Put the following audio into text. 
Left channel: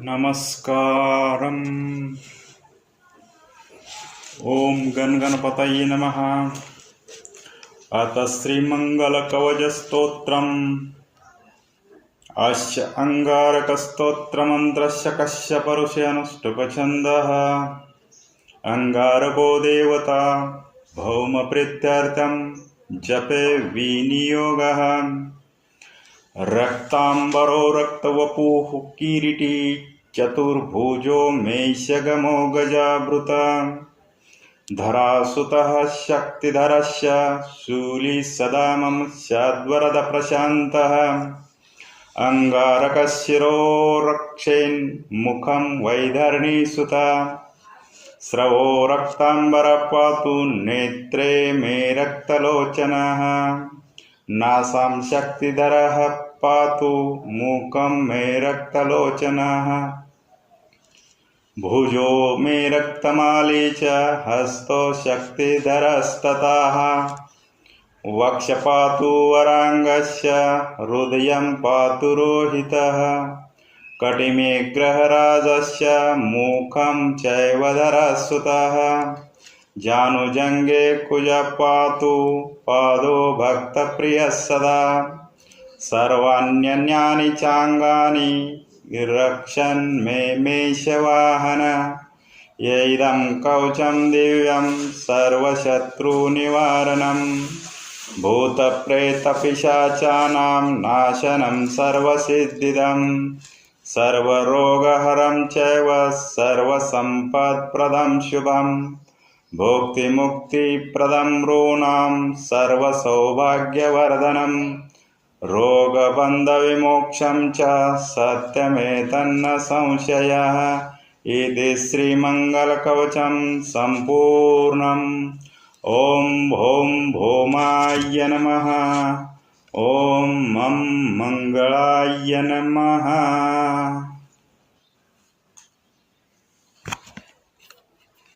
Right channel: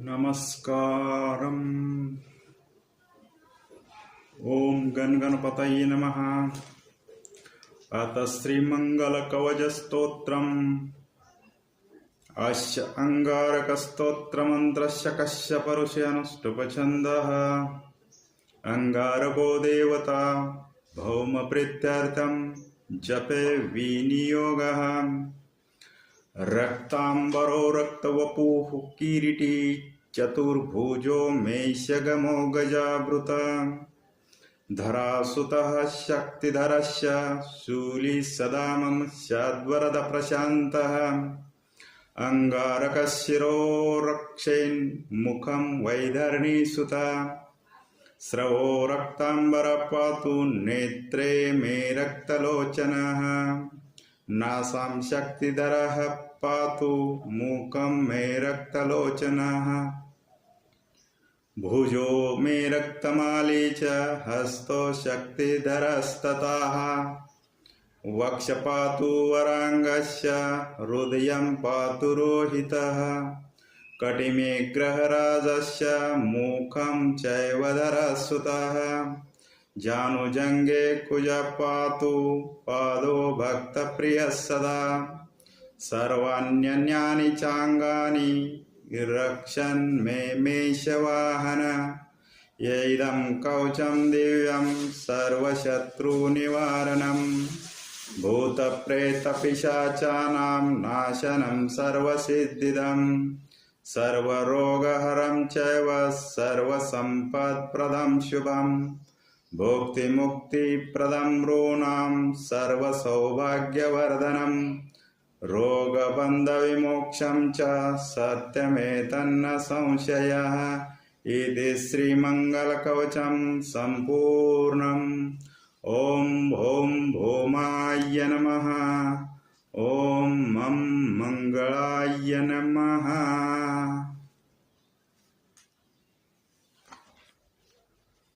नमस्कारम्। ओम गण गणपतये नमः। अथ श्रीमंगलकवचस्तोत्रम् अस्य अंगारकस्तोत्रमन्त्रस्य कस्य परुषेऽनुष्टुप्छन्दः। अंगारको देवता भौमप्रीत्यर्थं जपे विनियोगः। रक्तांबरो रक्तवपुः किरीटी चतुर्भुजो मेषगमो गजावृता। धरासुतः शक्तिधरस्य शूली सदा मम स्याद्वरद प्रशान्तः। अंगारकशिरो रक्षेन्मुखं वैधरणीसुता। स्रवो रक्तांबर पातु नेत्रे मे रक्तलोचनः। नासां शक्तिधरः पातु मुखं मे रक्तलोचनः। भुजो मे रक्तमाली च हस्तो शक्तिधरस्ततः। वक्ष पातु वरांगस्य हृदयं पातु रोहितः। कटिमे ग्रहराजस्य मुखं चैव धरसुतः। जानुजंगे कुज पातु पादो भक्तप्रियः सदा। सर्वाण्यन्यानि चांगानि रक्षन् मे मेषवाहन। येदं कवचं दिव्यं सर्वशत्रुनिवारणं। भूतप्रेतपिशाचानां नाशनं सर्वसिद्धिदं। सर्वरोगहरं चैव सर्वसम्पत्प्रदं शुभं। भुक्तिमुक्तिप्रदं नॄणां सर्वसौभाग्यवर्धनम्। रोगबन्धविमोक्षं च सत्यमेतन्न संशयः। इति श्रीमङ्गलकवचं सम्पूर्णम्। ॐ भौं भौमाय नमः। ॐ मं मङ्गलाय नमः।